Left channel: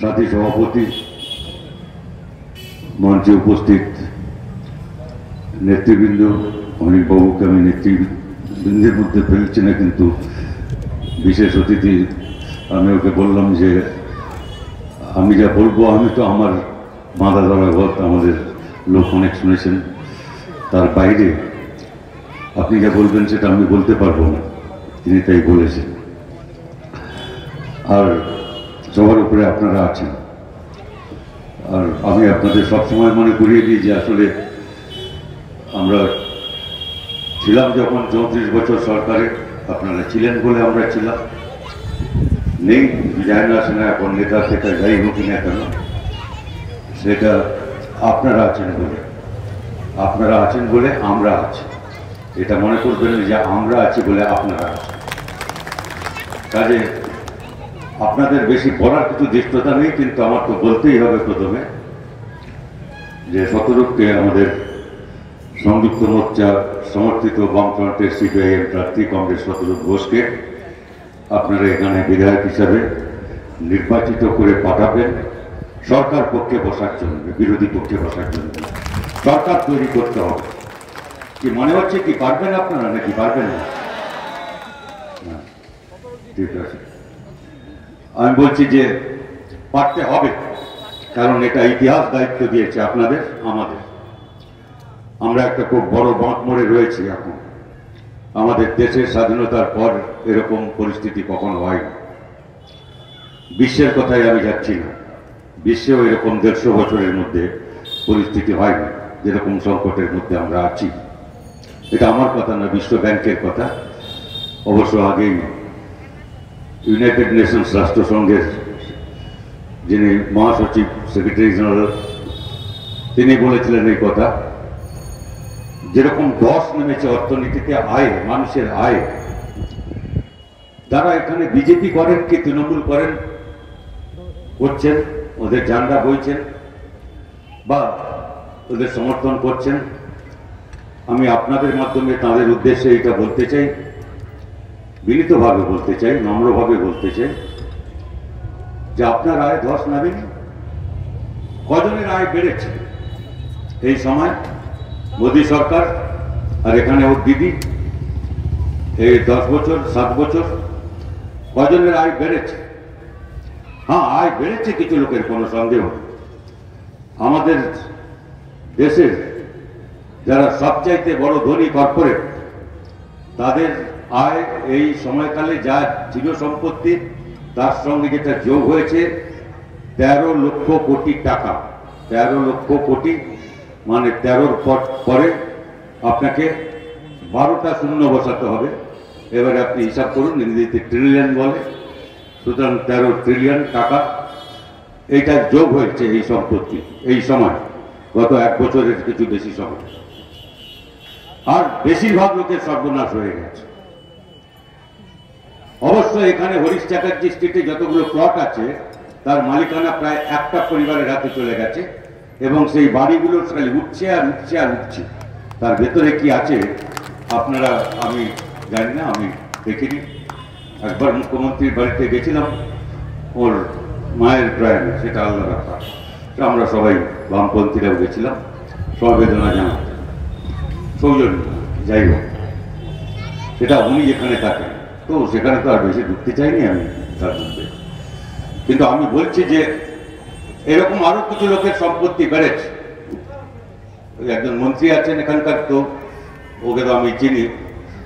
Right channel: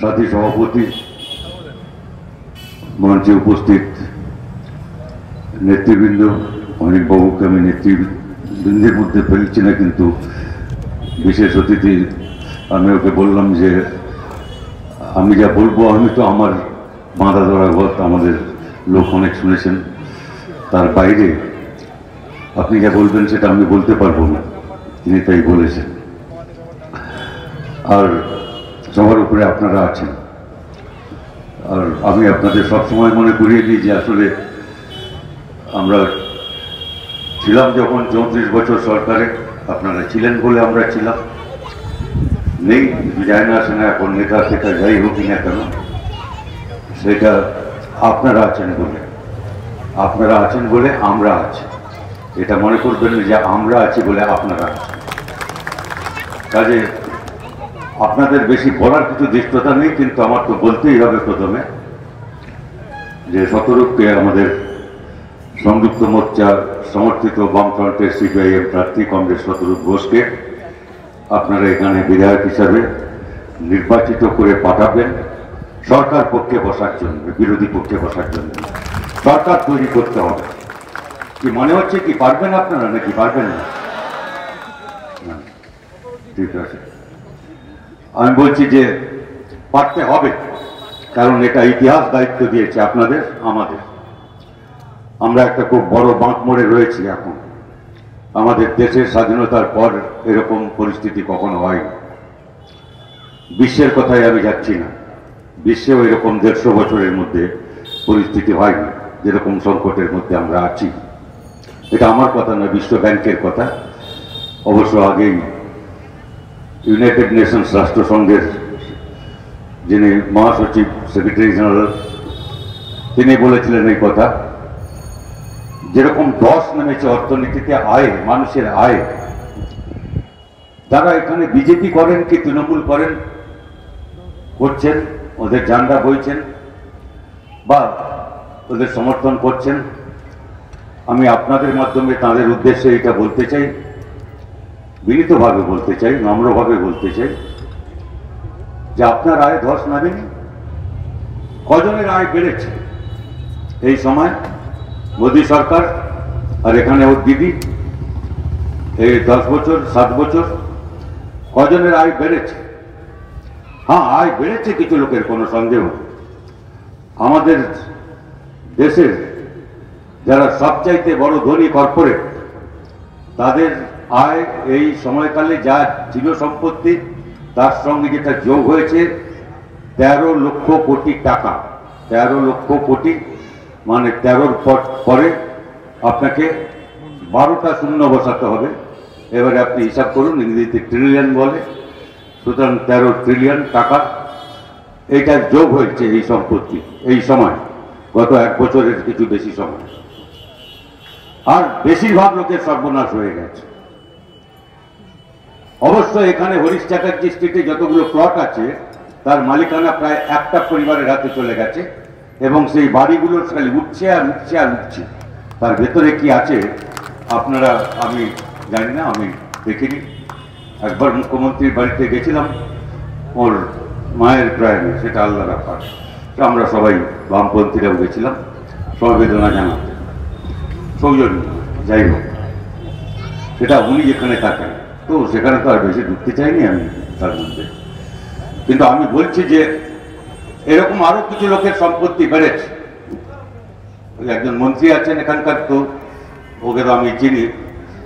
সাথী সভাপতি, মঞ্চে উপস্থিত নেতৃবৃন্দ, অনিকবাবুকে আমি নেতৃবৃন্দের মধ্যে ফেলছি না, কিন্তু বিশেষ অতিথি আমি ওকে বললাম যে আমি যা বলবো, আমি তো আমার বাঁধা ধরা ঘর, আমাদের লোক অনেক শুনেছেন, তার বাইরে আপনি যা বলবেন সেটা আমি বলতে পারবো না, তিনি তাই বলেছেন। আর সবার উপরে আপনারা আছেন। আর আমি আপনাদের সবসময় মনে করিয়ে দিই যে আসলে আমরা ছিলাম যখন 34 বছর সরকারে, আপনারা ছিলেন বলে আমরা ছিলাম, নেই যায় না আসে না, এখন নেতা থেকে যাই হোক না কেন, সেটা আপনারা আছেন বলে আমরা আছি। এটা মনে করবেন যে আমরা আছি বলে আপনারা আছেন। কাজে আপনাদের বেশি বলার কিছু দৃষ্টতা নেই, কিন্তু আমার তো বলতেই হবে প্রথমে যে শতরূপকে আমাদের সংযুক্ত মোর্চা সমর্থিত বামফ্রন্টের সিপিআইএম প্রার্থী কংগ্রেস শতরূপ ঘোষকে আপনারা এখানে বিধায়ক হিসাবে নির্বাচিত করে পাঠাবেন সরকার পক্ষে বসার জন্য, বিরোধী পক্ষে বসার জন্য। সরকার তৈরি করতে হবে। কি মনে হচ্ছে কি পারবেন আপনারা নাকি পারবেন না? ঠিক আছে, আমি বলছি যে পারতে হবে, কারণ এটা ইতিহাস দায়িত্ব দিয়েছে আপনাদের আমাদের। আমরা একটা খুব বড় বাঁক মোড়ে রয়েছি এখন। আমাদের দেশের স্বাধীনতার পর এরকম পরিস্থিতি কখনো হয়নি। বিশ্বের কথায় আমি যাচ্ছি না, বিশ্বেও এরকম 150 বছরের মধ্যে পরিস্থিতি হয়নি যেরকম সংকটের মধ্যে আমরা আছি। এটা আমার কথা না, বিশ্ব ব্যাংকের কথা। অবশ্য আগেই ইউনাইটেড নেশনস রাষ্ট্রসংঘের যিনি মহাসচিব, সেক্রেটারি জেনারেল, তিনি বলেছিলেন এই কথা, যেরকম ধস নেমেছে অর্থনীতিতে, আয়, মানুষের আয়, যারা এখানে বিজেপি করেন কি তৃণমূল করেন, করছেন, ওদের ঝান্ডা বইছেন বা ওদের সমর্থন করছেন, আমি আপনাদের মাধ্যমে তাদের উদ্দেশ্যে এটা বলতে চাই, বিনীতভাবে বলতে চাই, নম্রভাবে বলতে চাই যে আপনার আয় ধস নামেনি। কজনের আয় বেড়েছে এই সময়? মোদী সরকার আর এখানে ওর দিদি, এই 10 বছর 7 বছর কজনের আয় বেড়েছে? হ্যাঁ, আয় বেড়েছে কিছু লোকের, কোনো সন্দেহ। আমাদের দেশের যারা সবচাইতে বড় ধনী কর্পোরেট, তাদের আয় এই সময়কালে যা ছিল সম্পত্তি, তার সঙ্গে যেটা যোগ হয়েছে 13 লক্ষ কোটি টাকা। 13 লক্ষ কোটি মানে 13-র পরে আপনাকে 12টা শূন্য বসাতে হবে। এবারে আপনি হিসাব করুন, ইংরেজিতে ট্রিলিয়ন বলে, সুতরাং 13 ট্রিলিয়ন টাকা এইটা যোগ হয়েছে এই সম্পত্তি এই সময়, গত 1 বছরের কিছু বেশি সময়। আর বেশিরভাগ লোকের সর্বনাশ হয়ে গেছে। অবশ্য এখানে হরিশ চ্যাটার্জি স্ট্রিটে যতগুলো প্লট আছে, তার মালিকানা প্রায় একটা পরিবারের হাতে চলে গেছে, এবং সেই বাড়িগুলো খালি উঠছে আর উঠছে আর উঠছে। তার ভেতরে কি আছে আপনারা, আমি জানি না, আমি দেখিনি। একবার মুখ্যমন্ত্রীর বাড়িতে গেছিলাম, ওর মায়ের প্রয়াণে, সেটা আলাদা ব্যাপার। আমরা সবাই বামপন্থীরাও গেছিলাম সমবেদনা জানাতে, সৌজন্য, যাই হোক, সেটা উনি যেখানে থাকেন, তো সেখানে তো আর বেশি ঢুকতে চাইনি আমি তার মধ্যে। কিন্তু আমি বলছি যে এরকম আরো কিছু লোকের সম্পত্তি বেড়েছে। একজন মন্ত্রী আছেন এখানকার, তো ওকে তো আমি চিনি,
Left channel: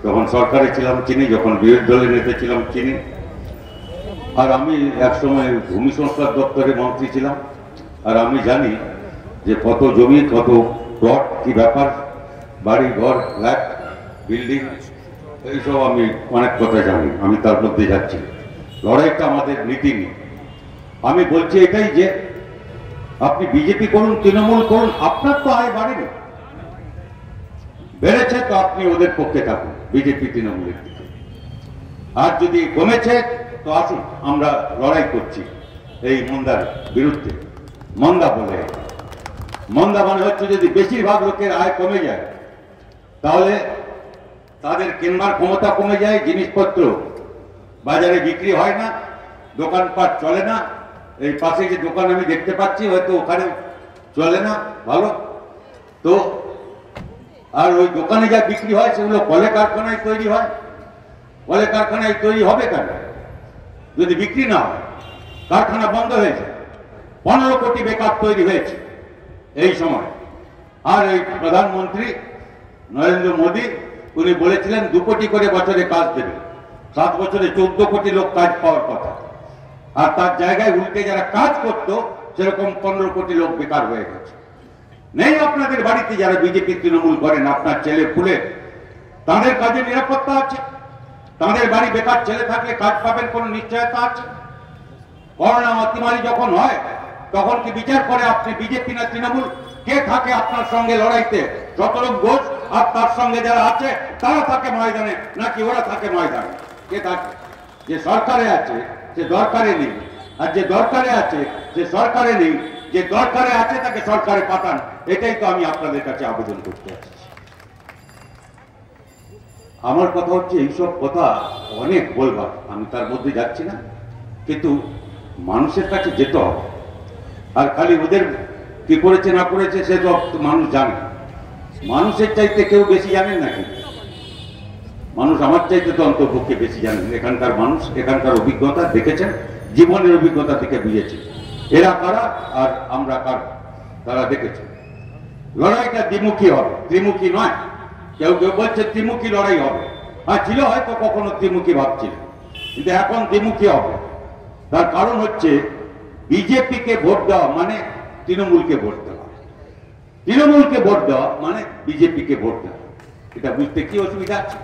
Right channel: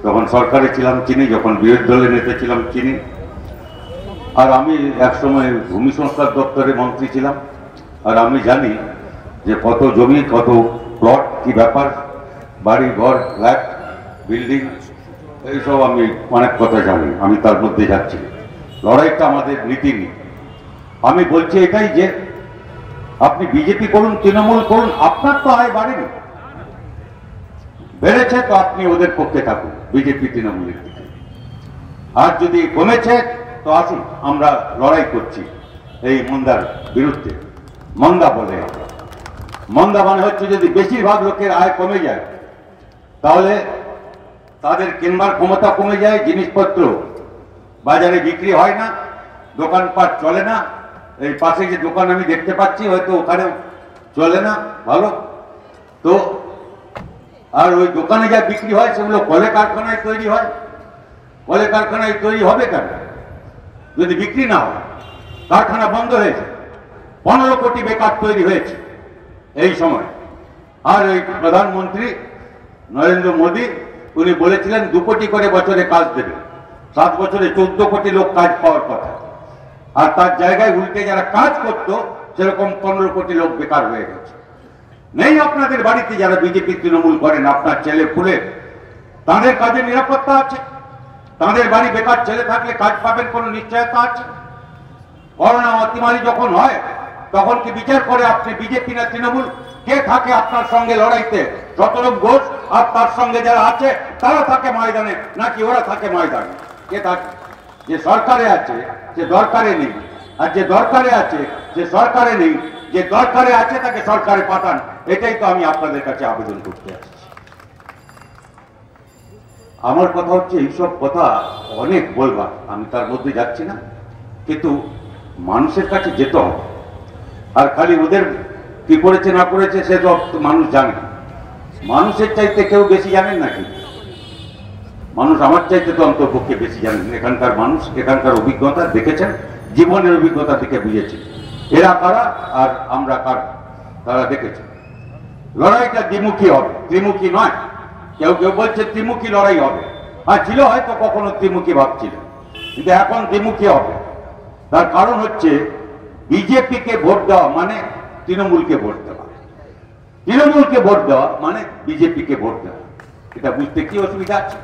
যখন সরকারে ছিলাম চিনি, যখন বিরোধী দলের নেতা ছিলাম চিনি। আর আমি একসময় ভূমি সংস্কার দপ্তরে মন্ত্রী ছিলাম, আর আমি জানি যে কত জমি, কত প্লট, কি ব্যাপার, বাড়ি ঘর, ফ্ল্যাট, বিল্ডিং, এইসব আমি অনেক কথা জানি। আমি তার মধ্যে যাচ্ছি, লড়াইটা আমাদের নীতি নিয়ে। আমি বলছি এটাই যে আপনি বিজেপি করুন, তৃণমূল করুন, আপনার তো আয় বাড়েনি, বেড়েছে তো আপনি ওদের পক্ষে থাকুন, বিজেপি তৃণমূলের দিকে। আর যদি কমেছে তো আসুন, আমরা লড়াই করছি এই মন্দার বিরুদ্ধে। মন্দা বলে, মন্দা মানে হচ্ছে যদি বেশিরভাগ লোকের আয় কমে যায়, তাহলে তাদের কেনবার ক্ষমতা কমে যায়, জিনিসপত্র বাজারে বিক্রি হয় না, দোকানপাট চলে না, এই পাশে যে দোকান আমি দেখতে পাচ্ছি হয়তো ওখানে চলে না ভালো, তো আর ওই দোকানে যা বিক্রি হয় সেগুলো কলে কারখানায় তৈরি হয়। কলে কারখানায় তৈরি হবে কেন যদি বিক্রি না হয়? কারখানা বন্ধ হয়েছে, 15 কোটি বেকার তৈরি হয়েছে এই সময়। আর ওই প্রধানমন্ত্রী নরেন্দ্র মোদী উনি বলেছিলেন 2 কোটি করে বছরে কাজ দেবে, 7 বছরে 14 কোটি লোক কাজ পাওয়ার কথা। আর তার জায়গায় উল্টে যারা কাজ করতো সেরকম 15 কোটি লোক বেকার হয়ে গেছে। নেই আপনাদের বাড়িতে যারা বিজেপি তৃণমূল করেন, আপনার ছেলে পুলে তাদের কাজে নিরাপত্তা আছে? তাদের বাড়ি বেকার ছেলে থাকলে কাজ পাবেন কোনো নিশ্চয়তা আছে? করোনা অতিমারি যখন হয় তখন কি বিচার করে আপনি বিজেপি না তৃণমূল কে থাকে আপনার সঙ্গে লড়াইতে? শতরূপ ঘোষ আর তার সঙ্গে যারা আছে তারা থাকে ময়দানে নাকি ওরা থাকে ময়দানে? কে থাকে? যে সরকারে আছে সে দরকারে নেই, আর যে দরকারে আছে সে সরকারে নেই। যে দরকারে আছে তাকে সরকারে পাঠান, এটাই তো আমি আপনাদের কাছে আবেদন করতে আসছি। আমার কথা হচ্ছে এইসব কথা অনেক বলবার, আমি তার মধ্যে যাচ্ছি না, কিন্তু মানুষের কাছে যেতে হবে। আর খালি ওদের কি করেছে না করেছে সে সব মানুষ জানে। মানুষের চাইতে কেউ বেশি জানেন নাকি? মানুষ আমার চাইতে তো অন্তর্পক্ষে বেশি জানেন। এখানকার মানুষ এখানকার অভিজ্ঞতা দেখেছেন, জীবনের অভিজ্ঞতা থেকে বুঝেছেন এরা কারা আর আমরা কারা, তারা দেখেছেন। লড়াইটা দ্বিমুখী হবে, ত্রিমুখী নয়। কেউ কেউ বলছে ত্রিমুখী লড়াই হবে, আর ছিল হয়তো কখনো ত্রিমুখী ভাবছিল, কিন্তু এখন দ্বিমুখী হবে। তার কারণ হচ্ছে বিজেপিকে ভোট দেওয়া মানে তৃণমূলকে ভোট দেওয়া, তৃণমূলকে ভোট দেওয়া মানে বিজেপিকে ভোট দেওয়া। এটা বুঝতে কি অসুবিধা আছে?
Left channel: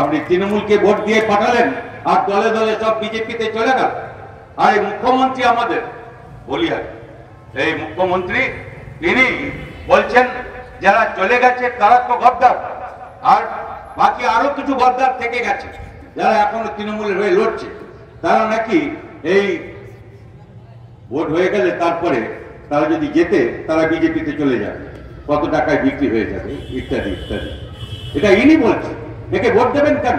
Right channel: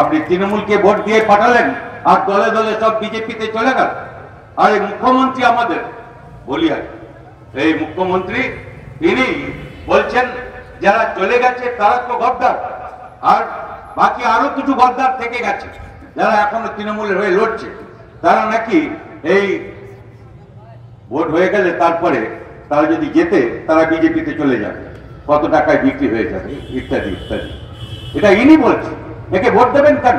আপনি তৃণমূলকে ভোট দিয়ে পাঠালেন আর দলে দলে সব বিজেপিতে চলে গেল। আর এই মুখ্যমন্ত্রী আমাদের বলিহার, এই মুখ্যমন্ত্রী তিনি বলছেন যারা চলে গেছে তারা তো গদ্দার, আর বাকি আরো কিছু গদ্দার থেকে গেছে যারা এখনো তৃণমূলের হয়ে লড়ছে, তারা নাকি এই ভোট হয়ে গেলে তারপরে তারা যদি যেতে তারা বিজেপিতে চলে যাবে, কত টাকায় বিক্রি হয়ে যাবে ইত্যাদি ইত্যাদি। এটা ইনি বলছে। একে ভোট দেবেন কেন?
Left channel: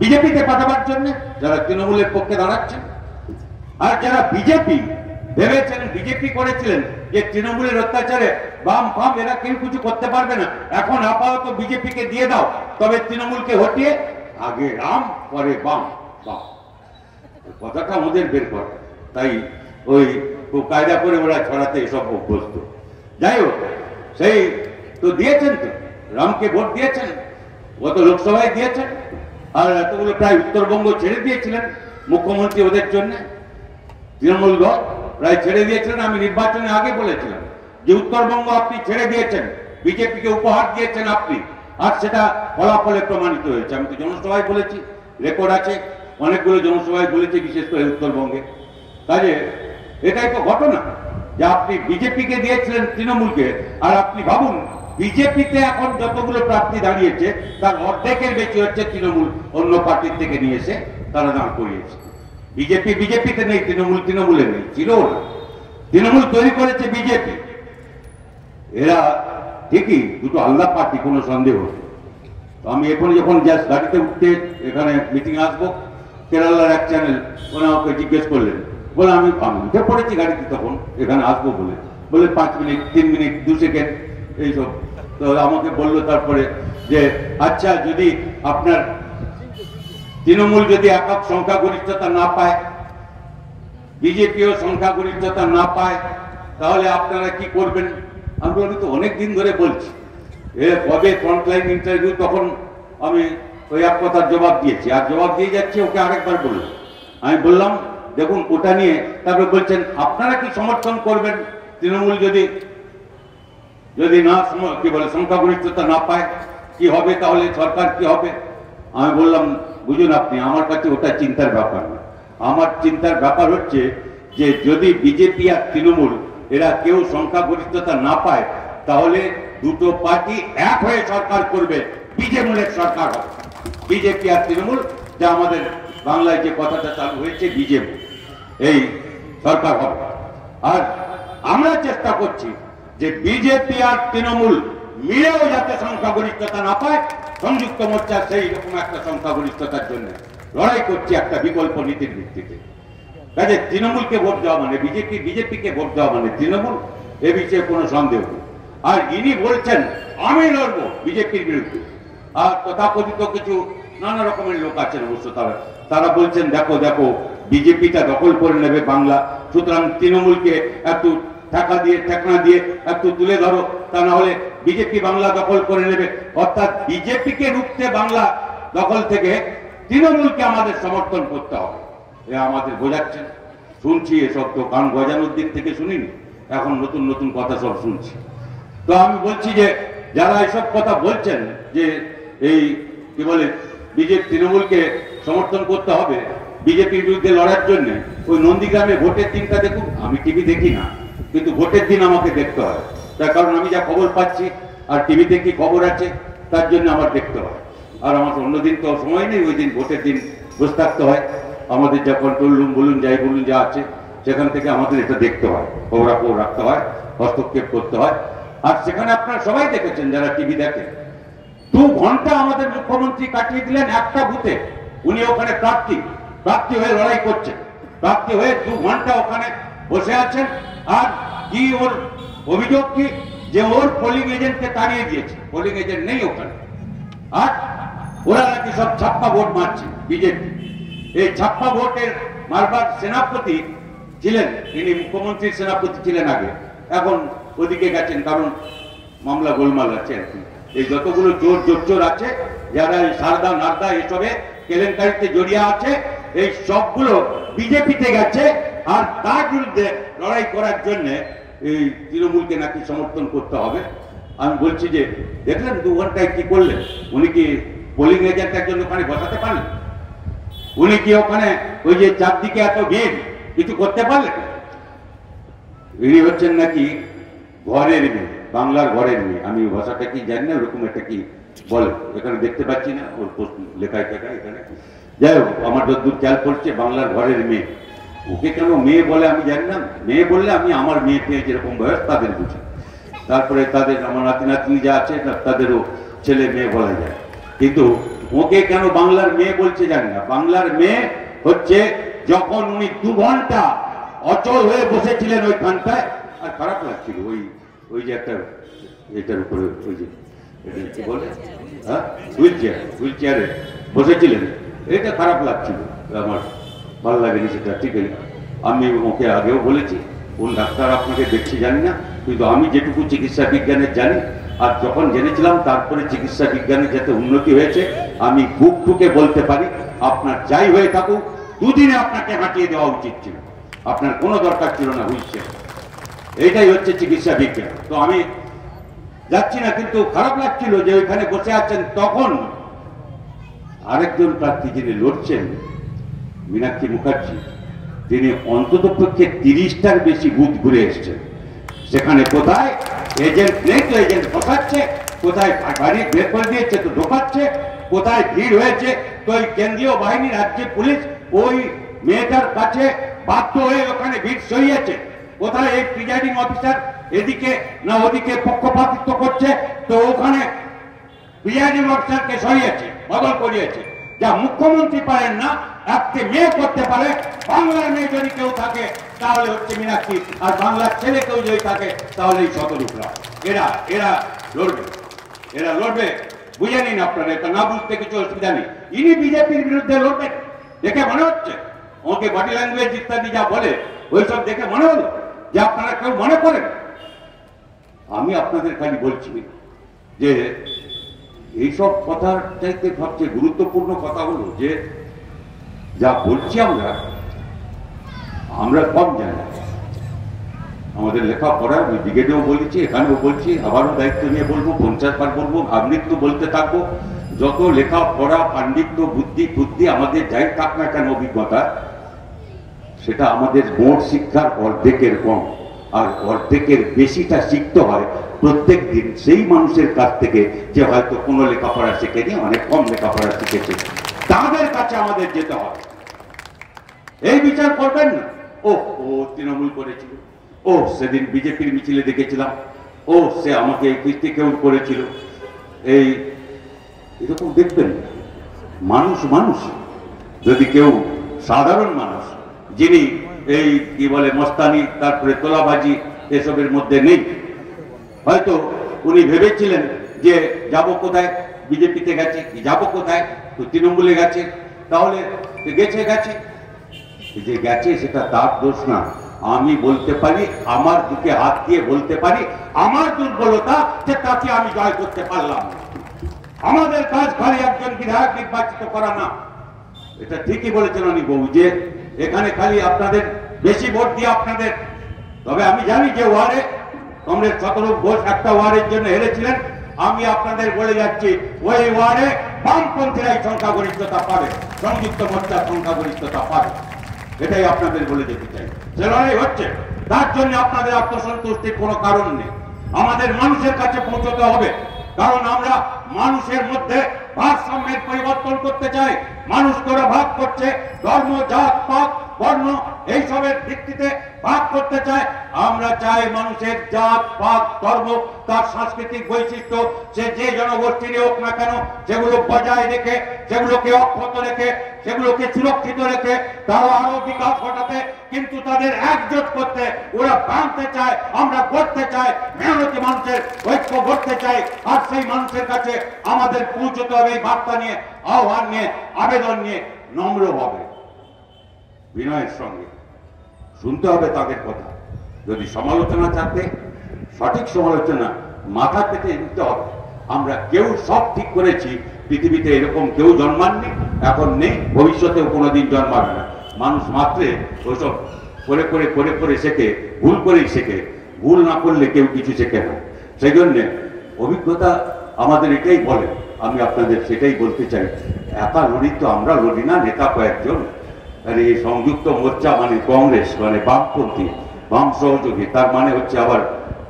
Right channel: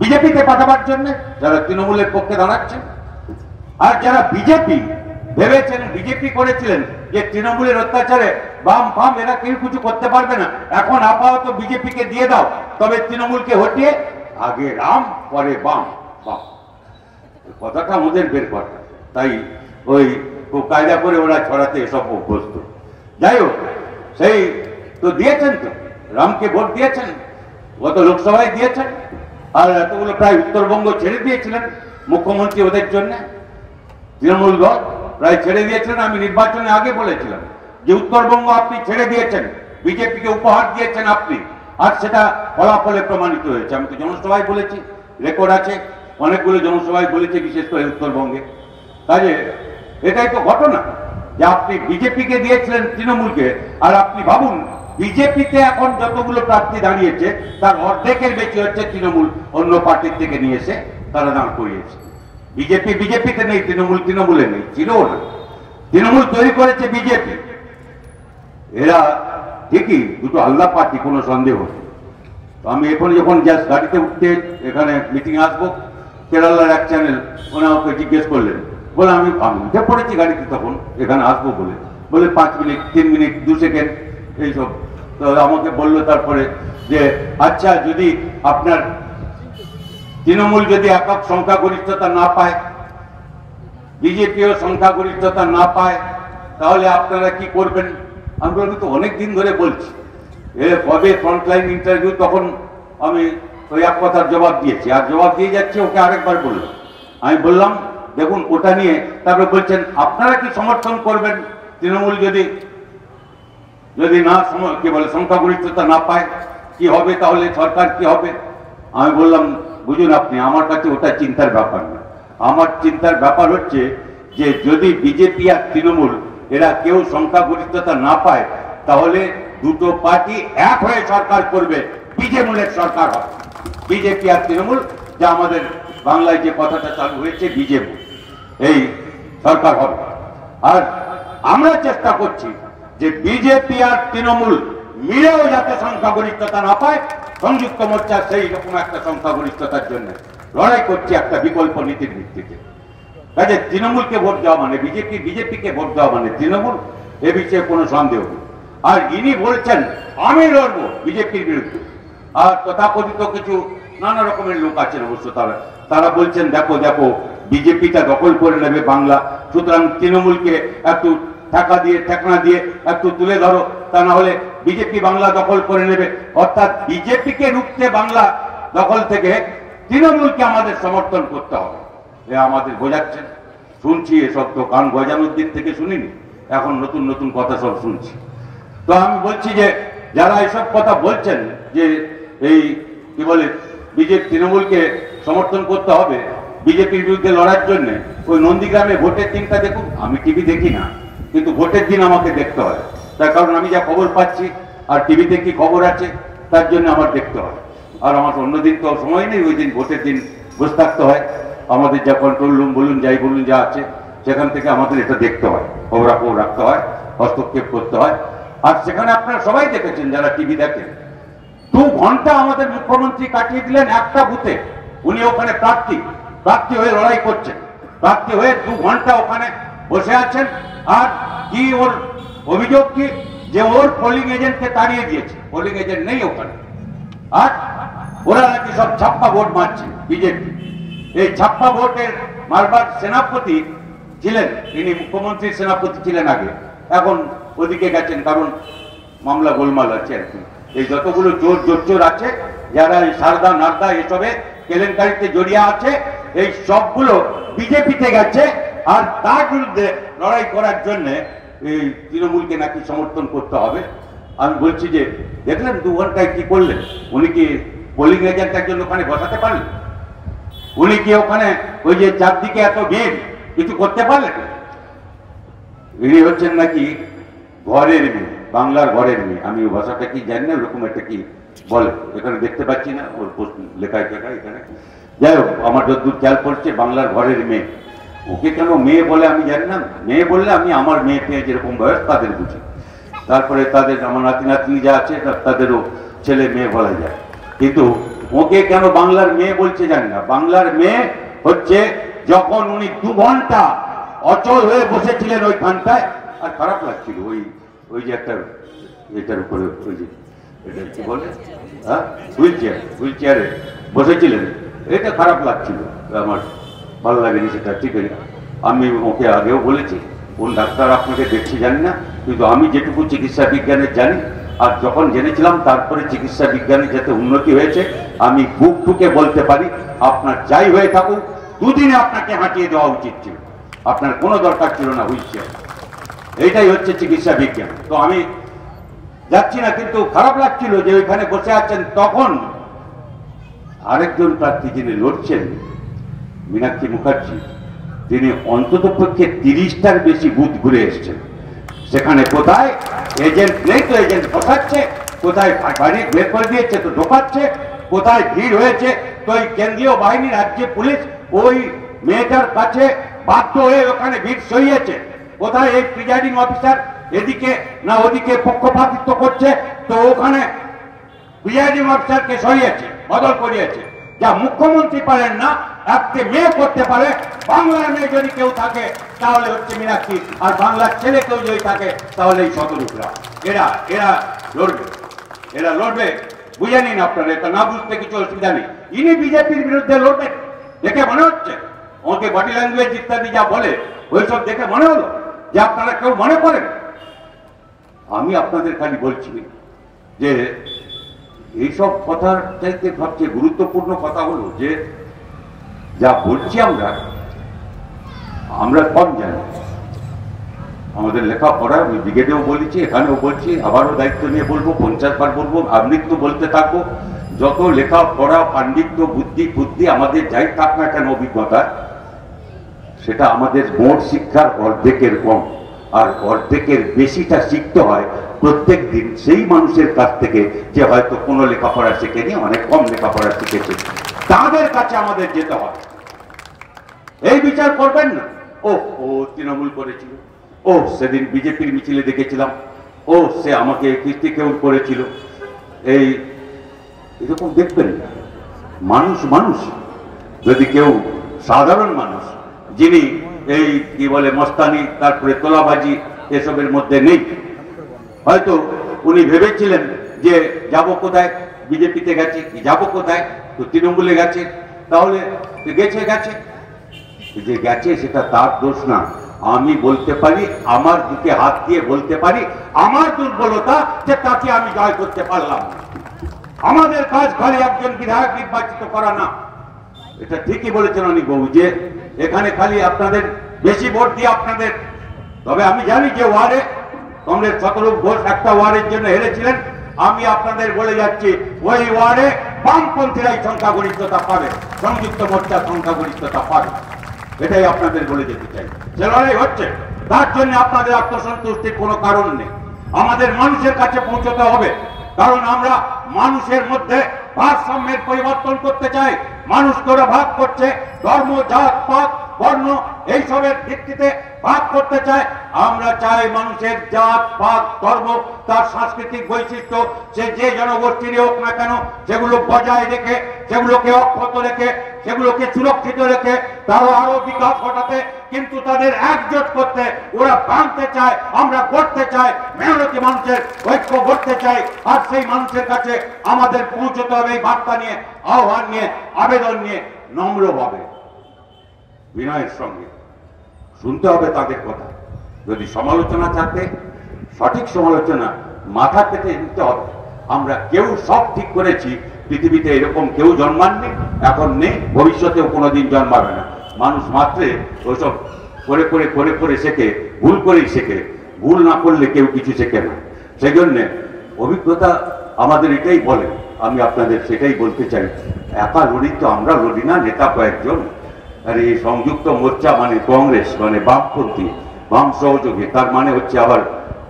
বিজেপিতে পাঠাবার জন্য যারা তৃণমূলের পক্ষে দাঁড়াচ্ছেন। আর যারা বিজেপি ভেবেছেন, বিজেপি করেছিলেন যে তৃণমূলের অত্যাচারে বাম ফাম এরা কেউ কিছু করতে পারবে না, এখন আপাতত বিজেপিকে দিয়ে দাও, তবে তৃণমূলকে হটিয়ে আগে রাম পরে বাম। বাম কথাটা আমাদের বের করা, তাই ওই খুব কায়দা করে ওরা ছড়াতে এসব অভ্যস্ত। যাই হোক, সেই তো দিয়েছেন, তো রামকে ভোট দিয়েছেন, গত লোকসভায় দিয়েছেন। আর এতগুলো প্রায় উত্তরবঙ্গ ছেড়ে দিয়েছিলেন মুখ্যমন্ত্রী ওদের জন্য, তৃণমূল দল প্রায় ছেড়ে দিয়েছিলেন। আমি নির্বাচনে আগে বলেছিলাম যে উত্তরবঙ্গ আপনি ছেড়ে দিয়েছেন, বিজেপিকে উপহার দিয়েছেন আপনি, আর সেটা ফলাফলে প্রমাণিত হয়েছে। আমি তো জনসভায় বলেছি, রেকর্ড আছে, অনেকগুলো জনসভায় বলেছি, বিশেষ করে উত্তরবঙ্গে। কাজে এটাই তো ঘটনা যে আপনি বিজেপিকে দিয়েছিলেন তৃণমূলকে, আর আপনি ভাবুন বিজেপিতে এখন যতগুলো প্রার্থী দাঁড়িয়েছে তার অর্ধেকের বেশি হচ্ছে তৃণমূল অন্য পার্টির থেকে নিয়ে এসে তারা দাঁড় করিয়েছে। বিজেপি বিজেপিতে নেই, তৃণমূল তৃণমূলে নেই, ছিল না। তৃণমূল তৈরি করেছে বিজেপি। এরা ঠিকই দুটো আলাদা পার্টি, কোনো সন্দেহ নেই। তো আমি এখন যখন জাস্ট গাড়িতে উঠতে এখানে মিটিং আসবো, কেরালার এক চ্যানেল ওনা ওকে জিজ্ঞেস করলেন, বলে আমি উঠে পড়েছি গাড়িতে তখন এখানে আসবো বলে 5 মিনিট 3 মিনিট 2 সেকেন্ড এইসব। তো আমাকে বললো তারপরে যে আচ্ছা, যদি আপনার তৃণমূল যদি একক সংখ্যাগরিষ্ঠতা না পায়, বিজেপিও সংখ্যাগরিষ্ঠতা না পায়, তাহলে আপনারা কি করবেন? আমি তো অনেক দিন ধরে বলছি, কবে ফ্রন্টলাইন ইন্টারভিউ, তখন আমি ওই এক কথার জবাব দিয়েছি, আর জবাব দিয়ে যাচ্ছি, ওকে আরেকবার বললো। আমি বললাম দেখুন ওটা নিয়ে, তারপরে বলছেন আপনারা কি সমর্থন করবেন তৃণমূল যদি না কি বলে সংখ্যাগরিষ্ঠতা না পায়, কি হবে তাহলে, সরকার কি হবে? আমি বললাম বুঝুন আপনি, আমার কাছে ওটা চিন্তার ব্যাপার না। আমার চিন্তার ব্যাপার হচ্ছে যে যদি বিজেপি আর তৃণমূল এরা কেউ সংখ্যাগরিষ্ঠতা না পায়, তাহলে দুটো পার্টি এক হয়ে সরকার করবে, বিজেমূলের সরকার হবে। বিজেপি আর তৃণমূল, যা আমাদের বাংলায় যে কথাটা চালু হয়েছে বিজেপি, এই সরকার হবে। আর আমরা চেষ্টা করছি যে বিজেপি আর তৃণমূল মিলেও যাতে সংখ্যাগরিষ্ঠতা না পায়, সংযুক্ত মোর্চা সেই রকম একটা সংখ্যাগরিষ্ঠতার জন্য লড়াই করছে একটা বিকল্প নীতির ভিত্তিতে। কাজে তৃণমূলকে ভোট দেওয়া মানে বিজেপিকে ভোট দেওয়া মানে তৃণমূল, এ বিষয়ে কোনো সন্দেহ নেই। আর ইনি বলছেন আমি লড়বো বিজেপির বিরুদ্ধে, আর তথাকথিত কিছু নানা রকমের লোক আছেন অবশ্য তারা বলছেন দেখো দেখো বিজেপিটা দখল করে নেবে বাংলা, সুতরাং তৃণমূলকে একটু ঠেকনা দিয়ে একটু তুলে ধরো, তা না হলে বিজেপি বাংলা দখল করে নেবে। অর্থাৎ বিজেপিকে রুখতে বাংলা দখল থেকে তৃণমূলকে আমাদের সমর্থন করতে হবে, এ আমাদের বোঝাচ্ছেন। শুনছি এসব, তো কান গজানোর দিক থেকে শুনিনি, এখন নতুন নতুন কথা সব শুনছি। তো আমি বলছি যে যারা এসব কথা বলছেন যে এই কি বলে তৃণমূলকে সমর্থন করতে হবে বিজেপির বিরুদ্ধে লড়ার জন্য, ওই নন্দীগ্রামে ভোটের দিনটা দেখুন। আমি টিভি দেখি না, কিন্তু ভোটের দিন আমাকে দেখতে হয়, তার কারণ আমি যা খবর পাচ্ছি আর টিভিতে কি খবর আছে তার জন্য আমার দেখতে হয়। আর আমার অন্যদিন তো সময় নেই, ওই দিন ভোটের দিন বসে থাকতে হয়। আমাদের যা কন্ট্রোল রুম বলুন যাই বলুন যা আছে সেখান থেকে আমাদের এটা দেখতে হয়, খবরাখবর রাখতে হয়, হস্তক্ষেপ করতে হয়। আর সেখানে আপনারা সবাই দেখেছেন যারা টিভি দেখেন, 2 ঘন্টা আমাদের মুখ্যমন্ত্রী কাটিয়ে দিলেন একটা বুথে। উনি ওখানে প্রার্থী হয়ে লড়াই করছেন, প্রার্থী হয়ে 2 ঘন্টা ওখানে বসে আছেন। আর কি ওর অভিযোগ কি, যে ওর পোলিং এজেন্টকে তাড়িয়ে দিয়েছে, পোলিং এজেন্ট নেই ওখানে, আর ওরা নাকি সব ছাপ্পা ভোট মারছে বিজেপি। এই ছাপ্পা ভোটের মারবার সেনাপতি ছিলেন, তিনি মুখ্যমন্ত্রীর সেনাপতি ছিলেন আগে, এখন ওদিকে গেছেন, কারণ মামলা গোলমাল আছে আর কি। এই যতগুলো চোর আছে যারা এই সারদা নারদা এসবে কেলেঙ্কারিতে জড়িয়ে আছে, এই সবগুলো বিজেপিতে গেছে। আর তার বিরুদ্ধে লড়াই করার জন্য এই তৃণমূলকে নাকি সমর্থন করতে হবে। আমি বলছি যে দেখলেন 2 ঘন্টায় কি করলেন, উনি কি পোলিং এজেন্ট একজন ওখানে বসাতে পারলেন? উনি কি ওখানে ওই যে চারদিকে এত ভিড় কিছু করতে পারলেন? ইনি হচ্ছেন নাকি ঘরের মেয়ে, বাংলার ঘরের মেয়ে। আমি ওই ভাষাটা কি জানি না, ওরকম একটা কি বলে, এখানে দেখতে পাচ্ছি না ওর লেখায় এখানে। যাই হোক, আমার যতদূর খেয়াল করছে বাংলার ঘরের মেয়ে। ওকে কেন মেয়ে বলে আমি জানি না, মেয়ে বললে আমি আমার মেয়ে পেয়ে যেরকম বয়স তাদের বুঝি, তারপরে তাদের আমার নাতি নাতনি যা আছে তাদেরও ছেলে মেয়ে বলা যায়, কিন্তু ওকে কেন বাংলার মেয়ে বলছে জানি না। বাংলার মেয়ে হচ্ছে যখন উনি 2 ঘন্টা অচল হয়ে বসেছিলেন ওইখানটায়, আর খারাপ লাগছিল ওই যে একটা এটার উপরে ওই যে এটা কি বলে, হ্যাঁ, হুইল চেয়ারে বসেছিলেন, এটা খারাপ লাগছিল আমার, ভালো লাগেনি সেটা। ঠিক আছে, আমি ওকে আগেও বলেছি, কোন ডাক্তার আপনাকে দেখছি জানি না, কিন্তু আমি যেটুকু চিকিৎসা বিজ্ঞানের জানি আর যখন জেনেছিলাম তারপরে চিকিৎসা বিজ্ঞানে যাতে উন্নতি হয়েছে, আমি বুক ঠুকে বলতে পারি আপনার যাই হয়ে থাকুক 2 দিনে আপনাকে হাঁটিয়ে দেওয়া উচিত ছিল, আপনার কোনো দরকার ছিল না হুইল চেয়ার। এইটাই হচ্ছে চিকিৎসা বিজ্ঞান। তো আমি যাচ্ছি না, কিন্তু খারাপ লাগছিল যে ওইখানে বসে আছেন। তখন আরেকজন প্রার্থী যিনি লড়ছেন, মীনাক্ষী মুখার্জি, তিনি অন্তত পক্ষে 30টার বেশি বুথ ঘুরে এসছেন। সেখানে কোথায় এজেন্ট নেই তো এজেন্ট বসাচ্ছে, কোথায় বাড়ি বের করে দিয়েছে তো ঢোকাচ্ছে, কোথায় ভিড় হয়েছে তো ওই কেন্দ্রীয় বাহিনী রাজ্য পুলিশ ওই মেয়েটার কাছে বাধ্য হয়ে ওখানে ভিড় সরিয়েছে, কোথায় এই প্রিজাইডিং অফিসার এদিকে না ওদিকে পক্ষপাতিত্ব করছে তো ওখানে প্রিজাইডিং অফিসারকে সরিয়েছে, বদল করিয়েছে। যা মুখ্যমন্ত্রী পারেন না, একটা মেয়ে করতে পারে। বাংলার মেয়ে যদি কেউ থাকে তাহলে হচ্ছে মীনাক্ষী, আর বাংলার ছেলে কেউ যদি থাকে তাহলে এই শতরূপরা। এরা লড়বে, বুঝে নিন আপনারা, এটা না বুঝতে কিছু অসুবিধা নেই। ইনি বিজেপির বিরুদ্ধে লড়বেন দেখে মনে হচ্ছে, ওকে বডি ল্যাঙ্গুয়েজ ইত্যাদি যা বলে ওইসব দেখে মনে হলো যে আপনারা কেউ মনে করেন। আমি আপনাদের খালি বলছি যে এইসব কথার চাইতে সবচেয়ে গুরুত্বপূর্ণ কথা হলো যে যা বলছি আমরা কম জানি। আমাদের লেখাপড়া, আমি ব্রিগেডেও বলেছি, এখানেও বলছি, আবারও দায়িত্ব নিয়ে বলবো, 50 বার বলবো, আমৃত্যু বলতে থাকবো। যত লেখাপড়া, পাণ্ডিত্য, বুদ্ধি আমাদের যাই থাক না কেন অভিজ্ঞতা, সেটা আমাদের মোট শিক্ষার অর্ধেকের কম, আর অর্ধেকের বেশিটা শিখতে হয় প্রত্যেক দিন সেই মানুষের কাছ থেকে যে হয়তো কোনো লেখাপড়া শিখেনি, অনেক কম লেখাপড়া শিখেছে, তাদের কাছে আমাদের যেতে হবে। এই বিচার করবেন না ও তৃণমূল করেছিল, ও সেদিন বিজেপির মিছিলে দেখেছিলাম, ও সে আমাকে কীর্তি কেউ করেছিল, এরকম দেখবেন না। মানুষ যদি কেউ সাধারণ মানুষ যিনি এই কি বলে মস্তানি তারপরে তোলাবাজি এসবের মধ্যে নেই। হয়তো উনি ভেবেছিলেন যে যাব কোথায়, বিজেপিতে গেছে, যাব কোথায়, তো তৃণমূলে গেছে, তাহলে গেছে গেছে যে গেছে সেটা তার দোষ না। আমি বলতে পারি, আমার বুকে হাত দিয়ে বলতে পারি, আমার দুর্বলতা যে তাকে আমি জয় করতে পারলাম না। আমাদের কাজ খালি একজন বিধায়ক নির্বাচিত করা না। এটা ঠিকই বলেছেন অনিক বাবু যে এখানে খালি আপনাদের বেশি ভোট দিয়ে আপনাদের, তবে আমি জানি যে ওয়ার্ডে কংগ্রেস 17 ঘোষ একটা ওয়ার্ডের জন্য হেরেছিলেন। আমি আপনাদের বলে যাচ্ছি ওই ওয়ার্ডে বামপন্থীরাই সংখ্যাগরিষ্ঠতা পাবে, সংযুক্ত মোর্চা সংখ্যাগরিষ্ঠতা পাবে, এটাই আপনাদের বলে যেতে চাই। সে লড়াই হচ্ছে, তার জন্য আপনাদের আত্মসন্তুষ্টির কোনো কারণ নেই। আমাদের মানুষের কাছে পৌঁছতে হবে, কারণ আমরা মানুষের মধ্যে ভারসাম্যের পরিবর্তন করতে চাই। মানুষ করে ভাগ করছে, ধর্ম, জাত, পাত, বর্ণ এইসবের ভিত্তিতে ভাগ করতে চায়। আমরা চাই মানুষের জাত, পাত, ধর্ম, তার সাংস্কৃতিক বৈশিষ্ট্য, সে যে জনগোষ্ঠীরই হোক না কেন, সেগুলো বজায় রেখে, সেগুলোকে অক্ষত রেখে, সেগুলোকে সুরক্ষিত রেখে তারা আরো বিকাশ ঘটাতে, কিন্তু তাদের একজোট করতে ওরা ভাঙতে চায়। আমরা গড়তে চাই, মেহনতি মানুষের ঐক্য গড়তে চাই। আর সেই মানুষের কাছে আমাদের পৌঁছতে হবে এই বার্তা নিয়ে, আহ্বান নিয়ে, আবেদন নিয়ে, নম্রভাবে, বিনয়ের সঙ্গে শুনতে হবে তাদের কথা। যদি সমালোচনা থাকে, সঠিক সমালোচনা মাথা পেতে নিতে হবে। আমরা কেউ সব ঠিক করেছি, পৃথিবীতে এরকম কেউ জন্মাননি, এখন নেই, ভবিষ্যতেও কোনোদিন জন্মাবে না। মানুষ মাত্রে ওইসব করে করে করে করে শেখে, ভুল করেই শেখে, ভুল না করলে কেউ কিছু শেখে না। সেই জন্যে অভিজ্ঞতা আমাদের এটাই বলে, আমি আপনাদের সেটাই বলতে চাই। একা লড়ি তো আমরা লড়ি না, নেতা কয়েকজন। আর এই সংযুক্ত মোর্চা মানে কংগ্রেস, মানে বামপন্থী, বাম সহযোগী, তার মানে হচ্ছে আবার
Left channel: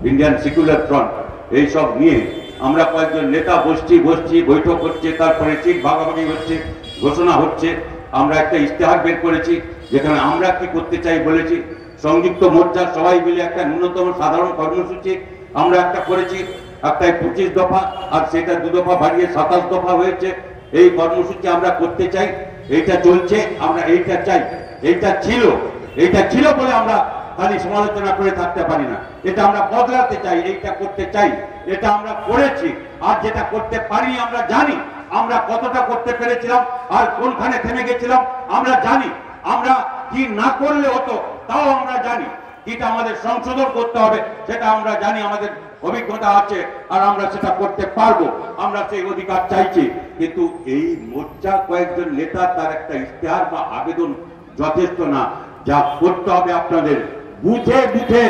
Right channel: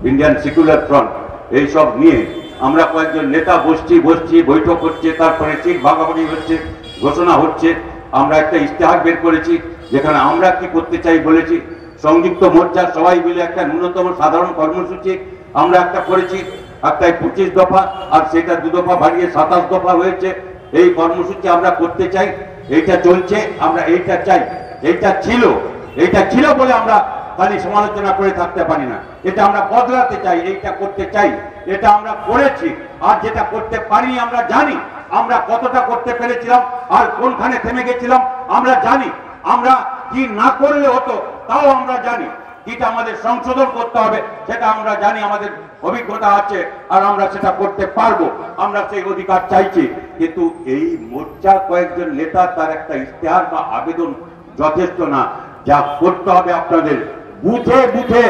ইন্ডিয়ান সেকুলার ফ্রন্ট, এইসব নিয়ে আমরা কয়েকজন নেতা বসছি, বৈঠক হচ্ছে, তারপরে সিট ভাগাভাগি হচ্ছে, ঘোষণা হচ্ছে। আমরা একটা ইশতেহার বের করেছি যেখানে আমরা কি করতে চাই বলেছি। সংযুক্ত মোর্চা সবাই মিলে একটা ন্যূনতম সাধারণ কর্মসূচি আমরা একটা করেছি, একটাই 25 দফা, আর সেটা 2 দফা বাড়িয়ে 27 দফা হয়েছে। এই কর্মসূচি আমরা করতে চাই, এইটা চলছে, আমরা এইটা চাই। এইটা ছিল বলে আমরা খালি সমালোচনা করে থাকতে পারি না, এটা আমরা বদলাতে চাই, এইটা করতে চাই। এটা আমরা করেছি, আর যেটা করতে পারি আমরা জানি। আমরা কতটা করতে পেরেছিলাম আর কোনখানে থেমে গেছিলাম আমরা জানি। আমরা কি না করলে হতো তাও আমরা জানি। যেটা আমাদের সংশোধন করতে হবে সেটা আমরা জানি, আমাদের অভিজ্ঞতা আছে, আর আমরা সেটা করতে পারবো। আমরা সেই অধিকার চাইছি। কিন্তু এই মোর্চা কয়েকজন নেতা তার একটা ইশতেহার বা আবেদন যথেষ্ট না। যা করতে হবে আপনাদের বুথে বুথে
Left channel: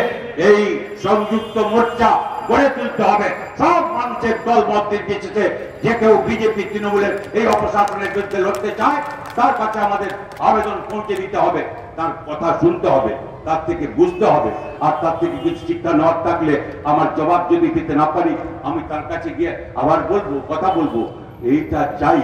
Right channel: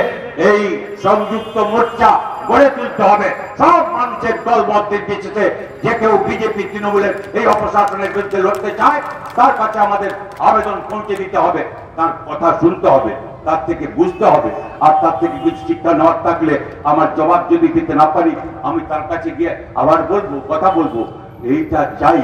এই সংযুক্ত মোর্চা গড়ে তুলতে হবে। সব মানুষের দলমত নির্বিশেষে যে কেউ বিজেপি, তৃণমূলের এই অপশাসনের বিরুদ্ধে লড়তে চায়, তার কাছে আমাদের আবেদন পৌঁছে দিতে হবে, তার কথা শুনতে হবে, তার থেকে বুঝতে হবে। আর তার থেকে কিছু শিক্ষা নেওয়ার থাকলে আমার জবাব যদি দিতে না পারি, আমি তার কাছে গিয়ে আবার বলবো, কথা বলবো, এইটা চাই।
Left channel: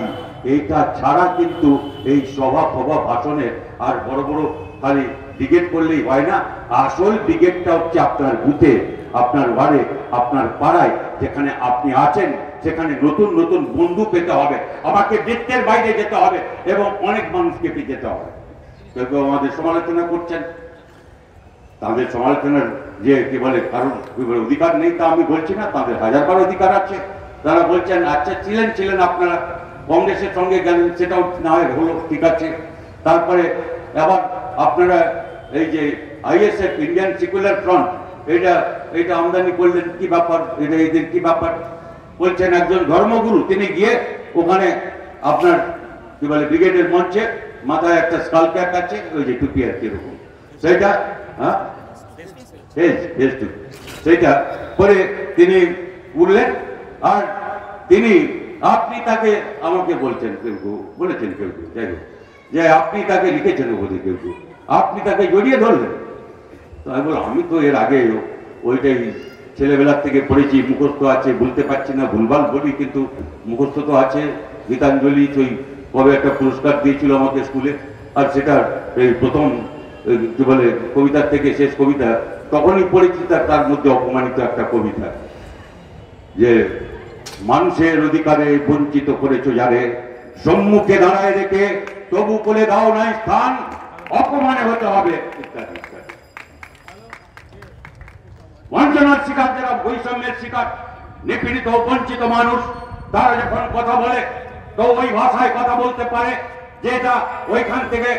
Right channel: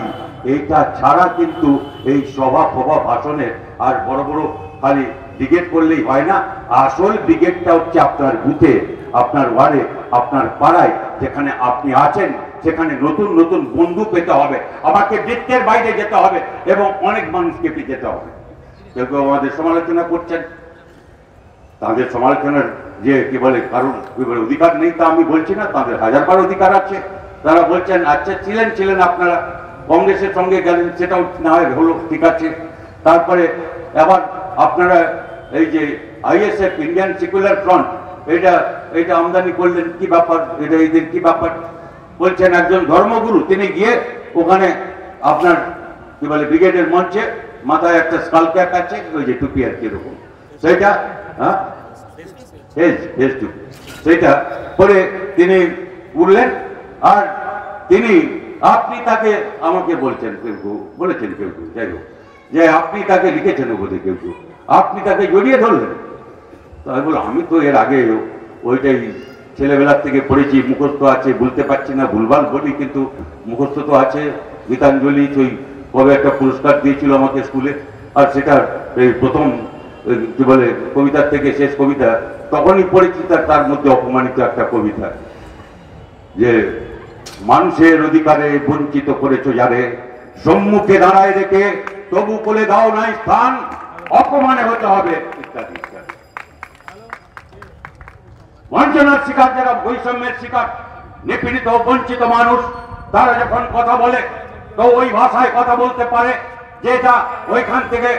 এইটা ছাড়া কিন্তু এই সভা ফভা ভাষণে আর বড় বড় খালি ব্রিগেড করলেই হয় না। আসল ব্রিগেডটা হচ্ছে আপনার বুথে, আপনার ওয়ার্ডে, আপনার পাড়ায়, যেখানে আপনি আছেন, সেখানে নতুন নতুন বন্ধু পেতে হবে। আমাকে বৃত্তের বাইরে যেতে হবে এবং অনেক মানুষকে পেয়ে যেতে হবে। কেউ কেউ আমাদের সমালোচনা করছেন, তাদের সমালোচনার যে কি বলে কারণ অধিকার নেই তা আমি বলছি না, তাদের হাজারবার অধিকার আছে। তারা বলছেন আচ্ছা ছিলেন আপনারা, কংগ্রেসের সঙ্গে গেলেন, সেটাও না হয় হলো, ঠিক আছে। তারপরে আবার আপনারা এই যে আইএসএফ, ইন্ডিয়ান সেকুলার ফ্রন্ট, এটা আমদানি করলেন, কি ব্যাপার, এটা এদের কি ব্যাপার? বলছেন একজন ধর্মগুরু তিনি গিয়ে ওখানে আপনার কি বলে ব্রিগেডের মঞ্চে মাথায় একটা স্কাল ক্যাপ আছে, ওই যে টুপি আর কিরকম, সেইটা সেইটা পরে তিনি উঠলেন। আর আপনি তাকে আমাকে বলছেন, বলেছেন কেউ যাই হোক, যে আপনি তাকে লিখেছেন বোধহয় কেউ, আপনি তাকে জড়িয়ে ধরলেন। তাই বলো আমি তো এর আগে ওইটাই ছেলেবেলার থেকে পড়েছি, মুখস্থ আছে, বলতে পারছি না, ভুলভাল বলি, কিন্তু মুখস্থ তো আছে। গীতাঞ্জলি ওই কবে একটা পুরস্কার দিয়েছিল আমাকে স্কুলে, আর সেটা এই প্রথম কি বলে কবিতার থেকে শেষ কবিতা তখনই পড়েছি। তার মধ্যে অপমানিত একটা কবিতা, যে মানুষের অধিকারে বঞ্চিত করেছো যারে, সম্মুখে দাঁড়ায় রেখে তবু করে দাও নাই স্থান, অপমানে হতে হবে ইত্যাদি ইত্যাদি। বঞ্চনার শিকার যারা, বৈষম্যের শিকার, নিপীড়িত বঞ্চিত মানুষ, তারা যখন কথা বলে তো ওই ভাষায় কথা বলতে পারে, যেটা ওইখান থেকে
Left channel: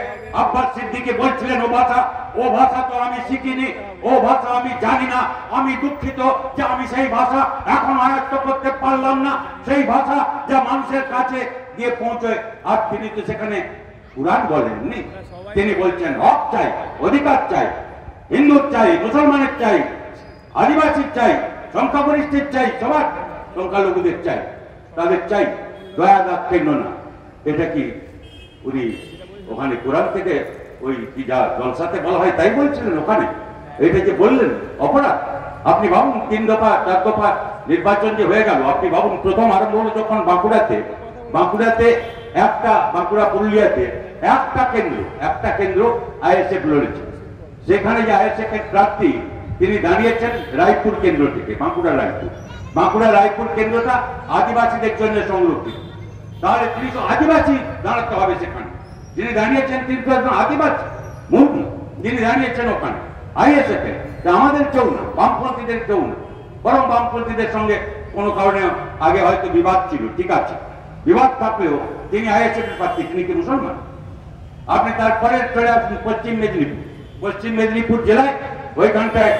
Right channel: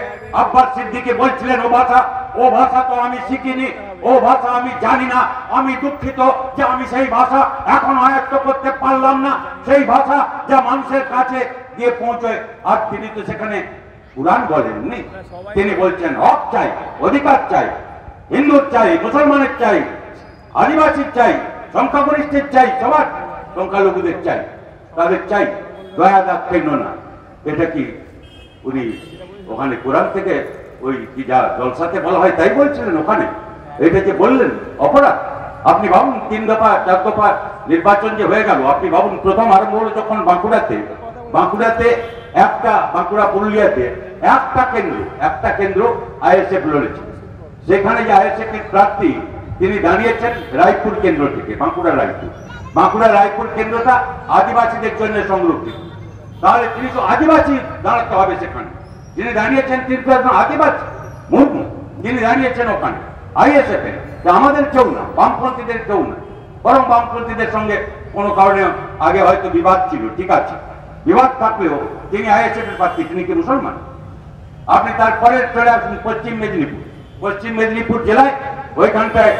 আব্বাস সিদ্দিকী বলছিলেন ও ভাষা তো আমি শিখিনি, ও ভাষা আমি জানি না, আমি দুঃখিত যে আমি সেই ভাষা এখন আয়ত্ত করতে পারলাম না, সেই ভাষা যা মানুষের কাছে গিয়ে পৌঁছয়। আর তিনি তো সেখানে কুরআন বলেননি, তিনি বলছেন হক চাই, অধিকার চাই, হিন্দুর চাই, মুসলমানের চাই, আদিবাসীর চাই, সংখ্যাগরিষ্ঠের চাই, সবার সংখ্যালঘুদের চাই, তাদের চাই, দয়া দাক্ষিণ্য না। এটা কি উনি ওখানে কোরআন থেকে ওই কি যা জলসাতে বলা হয় তাই বলছিলেন ওখানে? এটা যে বললেন অপরাধ। আপনি ভাবুন 3 দফা 4 দফা নির্বাচন যে হয়ে গেল, আপনি ভাবুন প্রথম আরম্ভ হলো যখন বাঁকুড়াতে একটা, বাঁকুড়া পুরুলিয়াতে একটা কেন্দ্র আইএসএফ লড়েছে। সেখানে যে আইএসএফ এর প্রার্থী তিনি দাঁড়িয়েছেন রায়পুর কেন্দ্র থেকে, বাঁকুড়া রায়পুর কেন্দ্রটা আদিবাসীদের জন্য সংরক্ষিত। তাহলে তিনি তো আদিবাসী দাঁড়াতে হবে সেখানে। যিনি দাঁড়িয়েছেন তিনি তো একজন আদিবাসী মুর্মু, যিনি দাঁড়িয়েছেন ওখানে আইএসএফ এর। আমাদের কেউ না, বামপন্থীদের কেউ না, বরং বামপন্থীদের সঙ্গে কোনো কারণে আগে হয়তো বিবাদ ছিল, ঠিক আছে, বিবাদ থাকলেও তিনি আইএসএফ এর প্রার্থী, তিনি কি মুসলমান? আপনি তারপরে চলে আসুন পশ্চিম মেদিনীপুর জেলায়, ওইখানটায়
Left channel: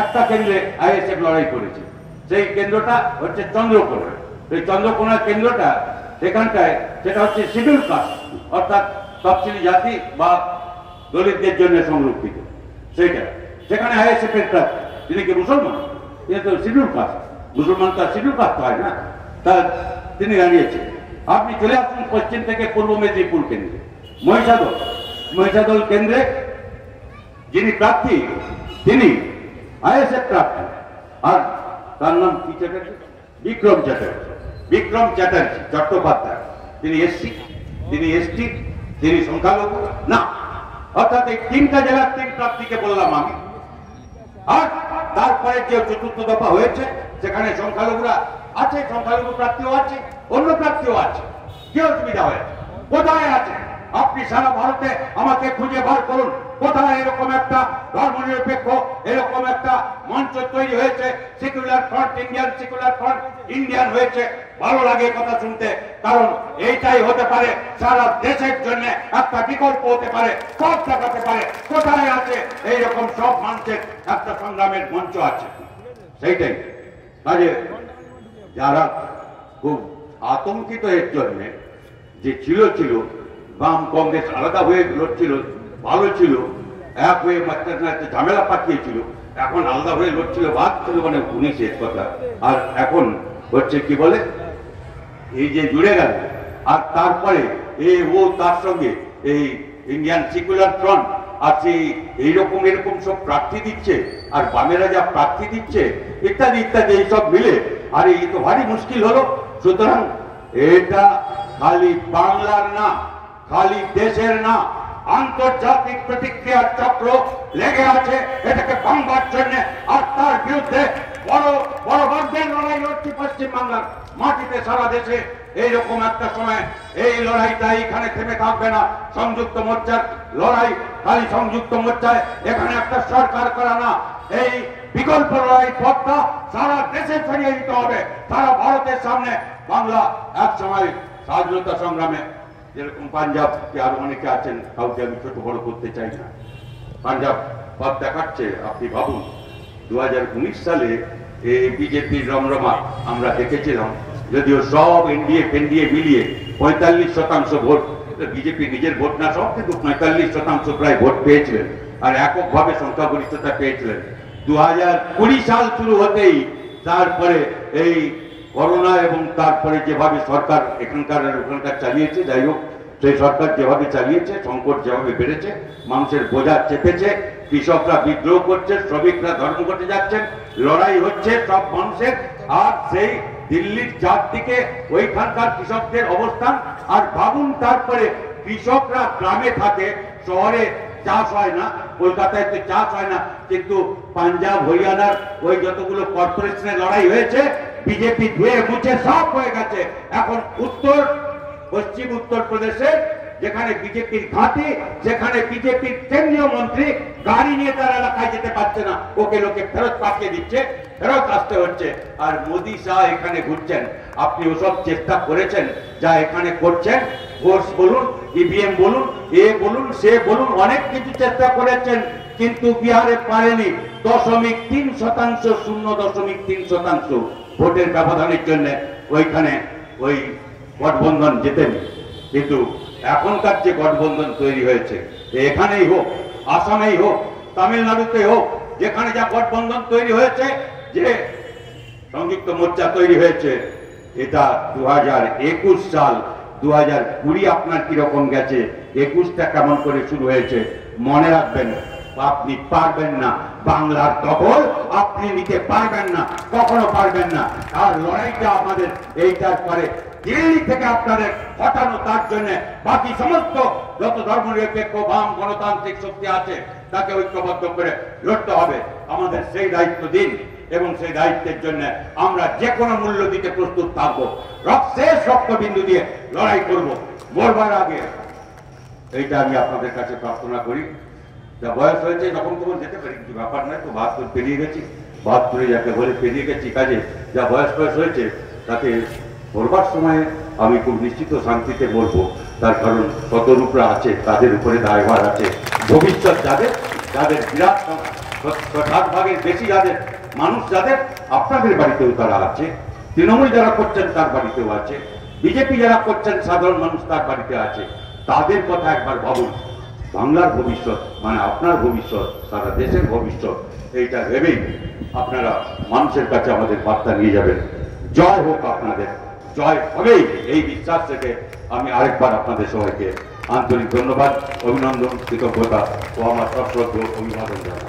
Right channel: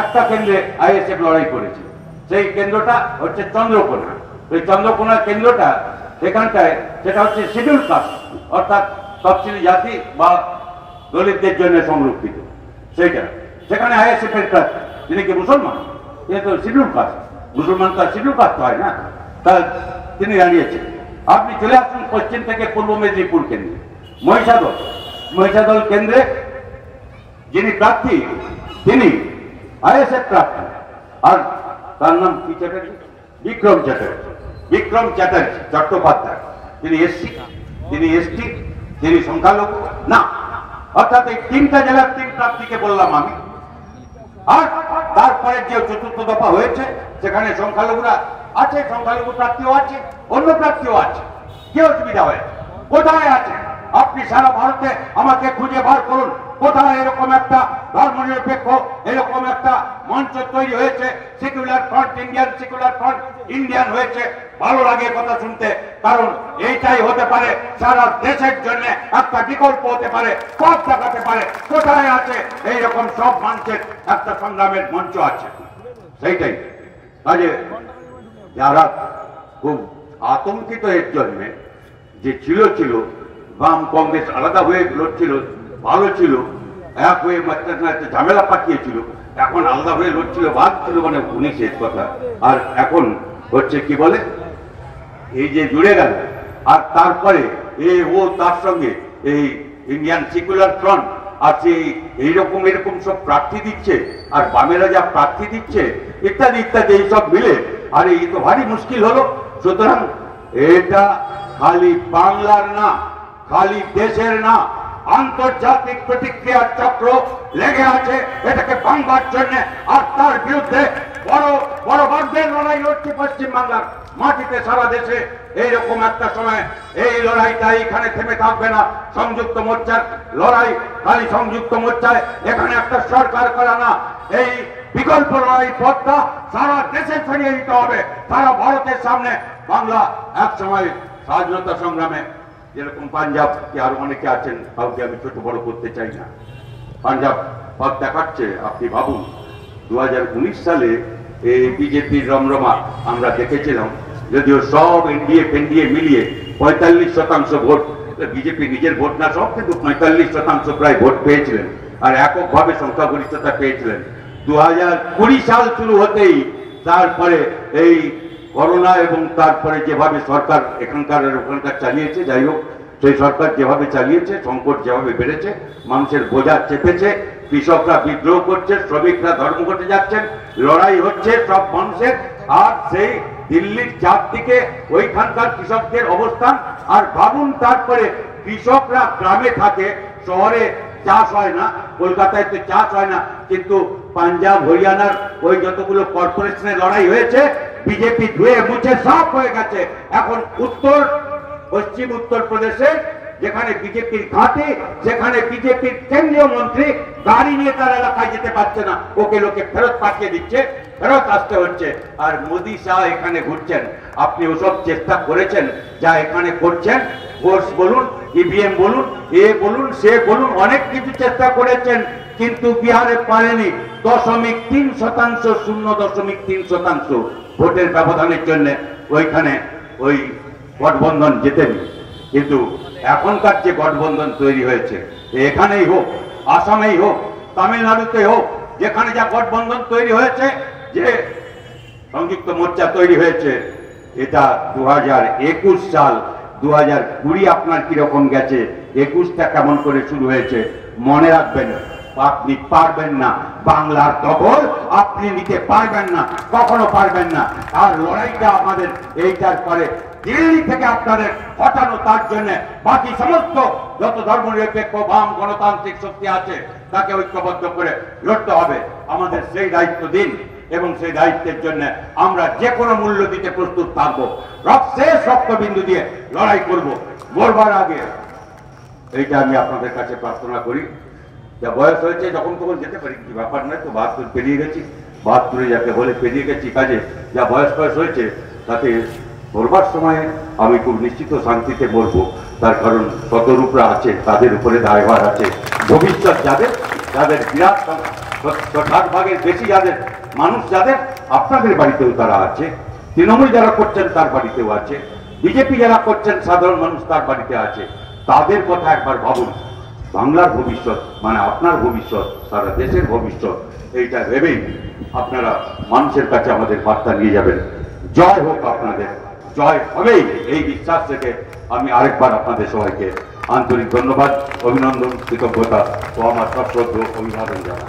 একটা কেন্দ্রে আইএসএফ লড়াই করেছে। সেই কেন্দ্রটা হচ্ছে চন্দ্রকোনা। ওই চন্দ্রকোনা কেন্দ্রটা সেখানটায় সেটা হচ্ছে শিডিউল কাস্ট, অর্থাৎ তফসিলি জাতি বা দলিতদের জন্য সংরক্ষিত। সেইটা সেখানে আইএসএফ এর প্রার্থী, তিনি কি মুসলমান? তিনি তো শিডিউল কাস্ট, মুসলমান তো শিডিউল কাস্ট হয় না, তা তিনি দাঁড়িয়েছেন। আপনি চলে আসুন পশ্চিম থেকে পূর্ব মেদিনীপুর কেন্দ্রে, মহিষাদল কেন্দ্রে যিনি প্রার্থী তিনি আইএসএফ প্রার্থী, আর তার নাম কি চ্যাটার্জি, বিক্রম চ্যাটার্জি চট্টোপাধ্যায়। তিনি এসটি, তিনি সংখ্যালঘু না। অর্থাৎ এই 3টা জেলার 3 প্রার্থীকে বললাম আমি। আর তারপরে যে 4র্থ দফা হয়েছে সেখানে সংখ্যালঘুরা আছে, সংখ্যালঘু প্রার্থীও আছে, অন্য প্রার্থীও আছে। কি অসুবিধা হয়েছে? কোথায় আছে? আপনি সারা ভারতে আমাকে খুঁজে বার করুন, কোথায় এরকম একটা ধর্মনিরপেক্ষ এরকম একটা মঞ্চ তৈরি হয়েছে। Secular front, Indian secular front, Indian হয়েছে। ভালো লাগে কথা শুনতে, কারণ এইটাই হতে পারে সারা দেশের জন্য একটা বিকল্প হতে পারে, পথ দেখাতে পারে। কোথায় আছে এইরকম সব মানুষের একটা সংগ্রামের মঞ্চ আছে? সেইটাই কাজে যারা খুব আতঙ্কিত এর জন্য যে ছিল বাম কংগ্রেস আলাদা হয়ে লড়ছিল, ভালো ছিল, এক হয়ে ঝামেলা পাঠিয়েছিল, এখন আলাদা হয়ে লড়ছিল, ভাগছিল, মানে 19 কথা। আর এখন হচ্ছে কি বলে এই যে জুড়ে গেল, আর তারপরে তার সঙ্গে এই ইন্ডিয়ান সেকুলার ফ্রন্ট আর সেই এরকম সব প্রার্থী দিচ্ছে, আর বামেরা যা প্রার্থী দিচ্ছে ইত্যাদি ইত্যাদি, এইসব মিলে আর এই তো ভারী মুশকিল হলো। সুতরাং এটা খালি বাংলার না, খালি দেশের না, আন্তর্জাতিক প্রতিক্রিয়ার চক্র লেগে আছে এটাকে ভাঙবার জন্য। আর তার বিরুদ্ধে বড় বড় বাগদের লড়াই লড়ছে পশ্চিম বাংলার মাটিতে, সারা দেশে। এইরকম একটা সময় এই লড়াইটা এইখানে থেমে থাকবে না। সংযুক্ত মোর্চার লড়াই খালি সংযুক্ত মোর্চায় এখানে একটা সরকার করা না, এই বিকল্প লড়াই পথটা সারা দেশে ছড়িয়ে দিতে হবে। সারা ভারতের সামনে বাংলা এক সময় স্বাধীনতা সংগ্রামে যেরকম পাঞ্জাব, আরো অনেকে আছেন, কাউকে আমি ছোট বড় করতে চাই না, পাঞ্জাব পথ দেখাচ্ছে। আপনি ভাবুন 2019 সালে এই বিজেপির রমরমা আমরা দেখেছিলাম, যদিও সব এনডিএ মিলিয়ে 45% ভোট, বিজেপি নিজের ভোট না সব, কিন্তু 45% প্রায় ভোট পেয়েছিলেন, আর এককভাবে সংখ্যাগরিষ্ঠতা পেয়েছিলেন। 2020 সাল শুরু হতেই তারপরে এই করোনা এবং তারপরে যেভাবে সরকার এখানকার ওখানকার চালিয়েছে, যাই হোক সেই সরকার যেভাবে চালিয়েছে, সংকট যেভাবে বেড়েছে, মানুষের বোঝা চেপেছে, কৃষকরা বিদ্রোহ করছে, শ্রমিকরা ধর্মঘটে যাচ্ছেন, লড়াই হচ্ছে সব মানুষের। আর সেই দিল্লির চারদিকে ওইখানকার কৃষকদের অবস্থান। আর ভাবুন তারপরে কৃষকরা গ্রামে থাকে, শহরে চাষ হয় না, কলকাতায় তো চাষ হয় না, কিন্তু পাঞ্জাব হরিয়ানার ওই যতগুলো কর্পোরেশনের লড়াই হয়েছে, বিজেপি ধুয়ে মুছে সাফ হয়ে গেছে। এখন পশ্চিম উত্তর প্রদেশে যেখানে বিজেপির ঘাঁটি, যেখানে বিজেপির কেন্দ্রীয় মন্ত্রী গাড়ি নিয়ে তার এলাকায় যেতে পারছে না, ওকে লোকে ফেরত পাঠিয়ে দিচ্ছে, ফেরত আসতে হচ্ছে। আর মোদী শাহ এখানে ঘুরছেন। আপনি ওসব চেষ্টা করেছেন যা এখানে করছেন, ভোট বলুন, ইভিএম বলুন, এ বলুন, সে বলুন, অনেক কিছু চেষ্টা করেছেন, কিন্তু বিহারে পারেনি। 0.3%, 0.3% ভোটের ব্যবধানের জন্য ওইখানে ওই গঠবন্ধন জেতেনি। কিন্তু এখনকার যে গঠবন্ধন তৈরি হয়েছে, এখানেই হোক, আসামেই হোক, তামিলনাড়ুতে হোক, যেখানে যা গঠবন্ধন তৈরি হয়েছে, যে সংযুক্ত মোর্চা তৈরি হয়েছে, এটা 2021 সাল, 2020 আপনার কিরকম গেছে, 21টা কেমন করে শুরু হয়েছে মনে রাখবেন। আপনি পারবেন না, বাংলার দখল আপনি নিতে পারবেন না, কখনো পারবেন না। আর লড়াইটা আমাদের এইটার পরে দিল্লি থেকে আপনাদের হটানো, তার জন্য বাকি সমস্ত যত ধর্মনিরপেক্ষ বাম গণতান্ত্রিক শক্তি আছে তাকে ঐক্যবদ্ধ করে লড়তে হবে। আমাদের সেই দায়িত্ব দিন, এবং সেই দায়িত্বের জন্য আমরা যে কোনো মূল্য দিতে প্রস্তুত থাকবো। শেষ রক্তবিন্দু দিয়ে লড়াই করব। মরবার আগে এইটা আমি আপনাদের কাছে প্রার্থনা করি। যা বয়স হয়েছে যখন তখন যেতে পারি, কিছু ব্যাপার নয়, তো 72 পেরিয়ে গেছি, 72 যাকে বলে পেরিয়ে গেছি। কাজে যা বয়স হয়েছে তাতে বলবার সময়ে আমি খুব নিশ্চিত শান্তিতে বলবো। তার কারণ শতরূপরা আছে, তাদের উপরে দায়ভার আছে। ভবিষ্যৎ যাদের বিরাট 60 ভাগের বেশি যাদের মানুষ, যাদের আপনাদের বাড়িতেও তারা আছে, তৃণমূল যারা করছেন তার বাড়িতেও আছে, বিজেপি যারা করছেন সাধারণ মানুষ তার বাড়িতে আছে। তাদের কথা একবার ভাবুন। বাংলার ভবিষ্যৎ মানে আপনার ভবিষ্যৎ, সারা দেশের ভবিষ্যৎ, এইটা ভেবেই আপনারা মানুষের কাছে আমাদের বার্তা নিয়ে যাবেন। জয় হোক আপনাদের, জয় হবেই, এই বিশ্বাস থেকে আমি আরেকবার আপনাদের সবাইকে আন্তরিক ধন্যবাদ, অভিনন্দন, কৃতজ্ঞতা ও আমার সশ্রদ্ধ অভিবাদন জানাই।